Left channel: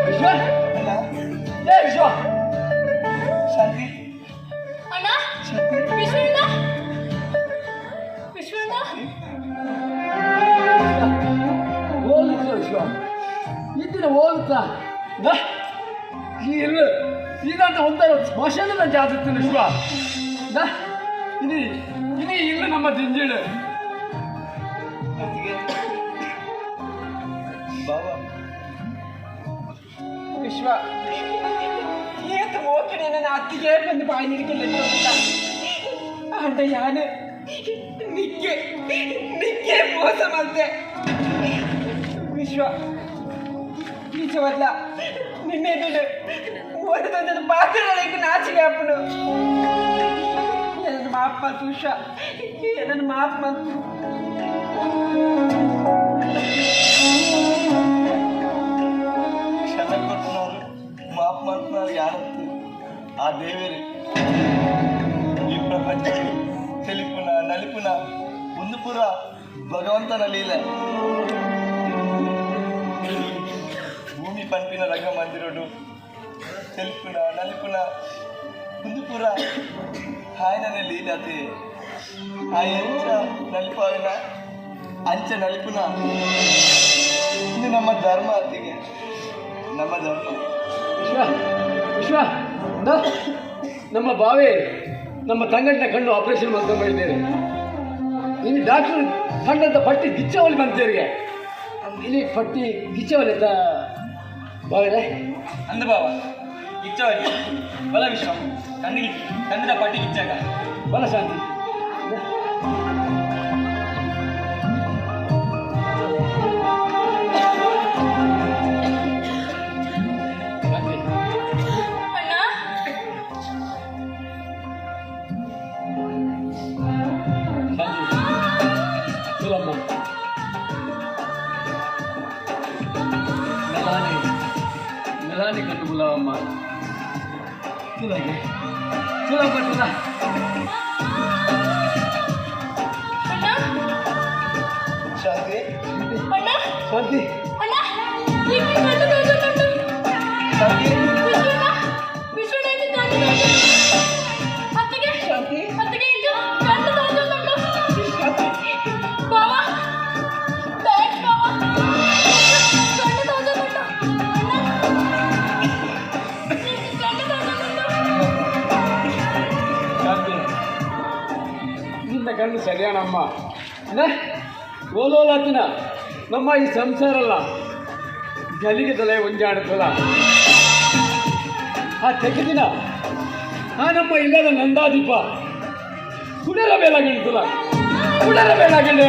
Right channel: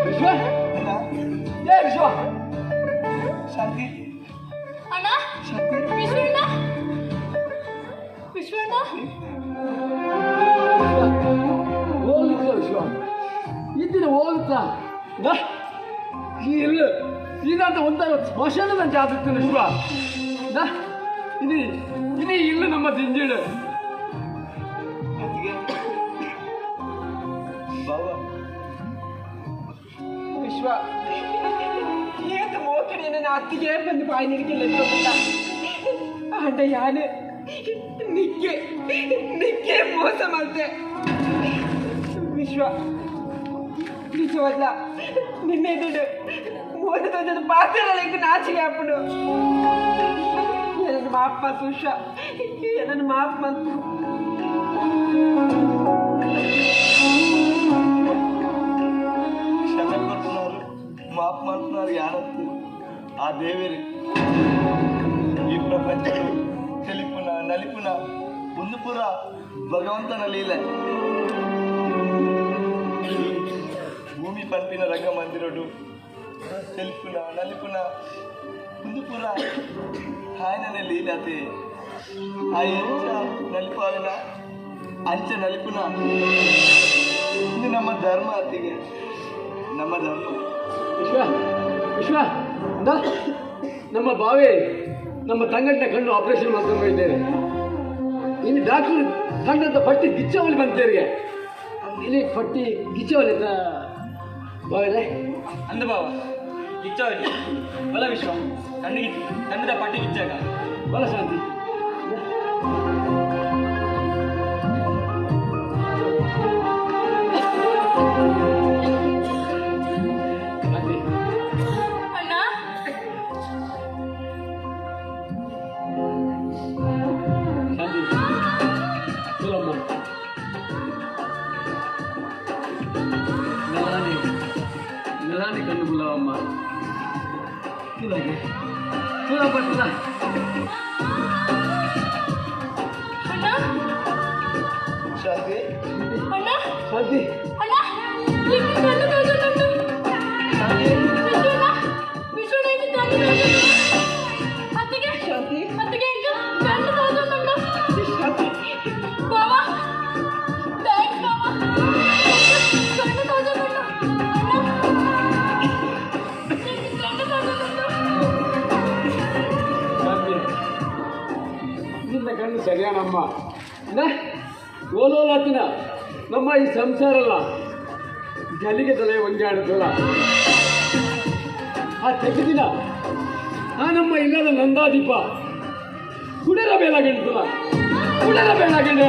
ವಿಶ್ವ ಏ ವಿಶ್ವ ಶಾಂತಿ ಅಣ್ಣ ಶಾಂತಿ ವಿಶ್ವಣ್ಣ ವಿಶ್ವಣ್ಣ ಹೋಗುತ್ತ ವಿಶ್ವ ಇದ್ದಿನ ಹೋಗುತ್ತಾ ಇಲ್ಲ ಇದಂತ ಒಂಥರ ಸ್ಮಶಾನದಂತ ಆಗುತ್ತೇನೆ ವಿಶ್ವ ಇದು ಇದು ಇಲ್ಲ ನಮ್ಮ ದಿಂಜೀಡು ವಿಶ್ವ ಏತು ಮೋಕಡೆ ನನ್ನ ಅತ್ತಿಗೆ ಬಂದು ಬಾಯಿ ನಿರಿಕಿಲ್ಲ ಅಂಡ ಯಾನು ನಿಕ್ಕೆ ಮೋಸ ಮಾಡ್ದೆ ವಿಶ್ವ ನಿಜವಲ್ಲ ನಿನ್ನೆ ದುಡ್ಡು ಓದಿದ ಪಾತ್ರೆಗಳಿಗೆ ನಾಚಿಗೆ ಹಾಕೊಂಡು ಏನನ್ನು ಮಾಫ್ ಮಾಡ್ತು ವಿಶ್ವ ಏನನ್ನು ಮಾಫ್ ಮಾಡ್ತು ಮಾಫ್ ಮಾಡ್తున్నారు ಯಾರತ್ತು ಆ ದೇವೇರಿ ಈ ಪ್ರಪಂಚ తెలుపున నలుపున ಒಂದು ಪುರ ಭಗವಂತನ ಲೀಲೆ ಭೂಮಿ ಪಂಪಿನ ರಂಗ ಮಂದಿರೋಡು తెలుపున నలుపున ಒಂದು ಪುರ ఆయననే ಲೀಲತೆ ಆ ಎಂಚ ನಲಿಪಾವಿನ ಅಂಚ ನಲಿಪುನ ಇದು ನಮ್ಮ ಧರ್ಮ ಅತ್ತಿಗೆ ನಮ್ಮ ಧರ್ಮ ವಿಶ್ವ ವಿಶ್ವ ನಮ್ಮ ಬಾವೆ ನಮ್ಮ ತಂಗಟ್ಟಿನ ಕಣ್ಣು ಆಪರೇಷನ್ ಮಾಡ್ಕೊಂಡು ಇದ್ದೇವೆ ಇಲ್ಲಿ ಡಾಕ್ಟರ್ ಕಂಡಂತ ಪಟ್ಟಿ ಗಿಚ್ಚವಲ್ಲಿ ಬಂತೇರಿಗೆ ಇಲ್ಲಿ ಪಟ್ಟಿ ಗಿಚ್ಚವಲ್ಲಿ ಅಂತ ಬಾವೆ ಅಂದ ಬಾವ ಗಿಚ್ಚವಲ್ಲಿ ಬಲ ವಿಶ್ವ ಕಂದಿದ ಪಟ್ಟಿ ಗಿಚ್ಚಾಗ ಬಲ ಶಾಂತಿ మెలాని కన్ను గులావమ్మ చూడండి చూడబట్టులా ಶಾಂತಿ ಅಣ್ಣ ಶಾಂತಿ ಅಣ್ಣ ಇಲ್ಲಿ ಕಣ್ಣು ತೋರಿಸುತ್ತುಂಟು ಶಾಂತಿ ವಿಶ್ವಣ್ಣ ವಿಶ್ವಣ್ಣ ಇದು ಕಣ್ಣು ತೋರಿಸುತ್ತುಂಟು ಅತ್ತಿಗೆ ಶಾಂತಿ ಅತ್ತಿಗೆ ಇದು ಕಣ್ಣು ತೋರಿಸುತ್ತುಂಟು ಬಾವ ಥ್ಯಾಂಕ್ಸ್ ಬಾವ ಕಣ್ಣು ತೋರಿಸುತ್ತುಂಟು ಕಣ್ಣು ತೋರಿಸುತ್ತುಂಟು ಶಾಂತಿ ನಿನ್ನ ಕಣ್ಣು ಸರಿಯಾನಮ್ಮ ಓಲೋಲಾತಿನ ನಮ್ಮ ಈ ಸಂಸಾರಲ್ಲ ಗಲಿಗೆ ತಲೆ ಒಂಜಾಡುತ್ತಲ್ಲ ಆ ತೆಗೆದಿನ ಆ ನಮ್ಮ ಇಲ್ಲದ ನಂದಾದೀಪ ಕುಡರ ಬೇಲಾಗಿರ್ತಲ್ಲ ಕುಡರ ಬೇಲಾಗಿಲ್ಲ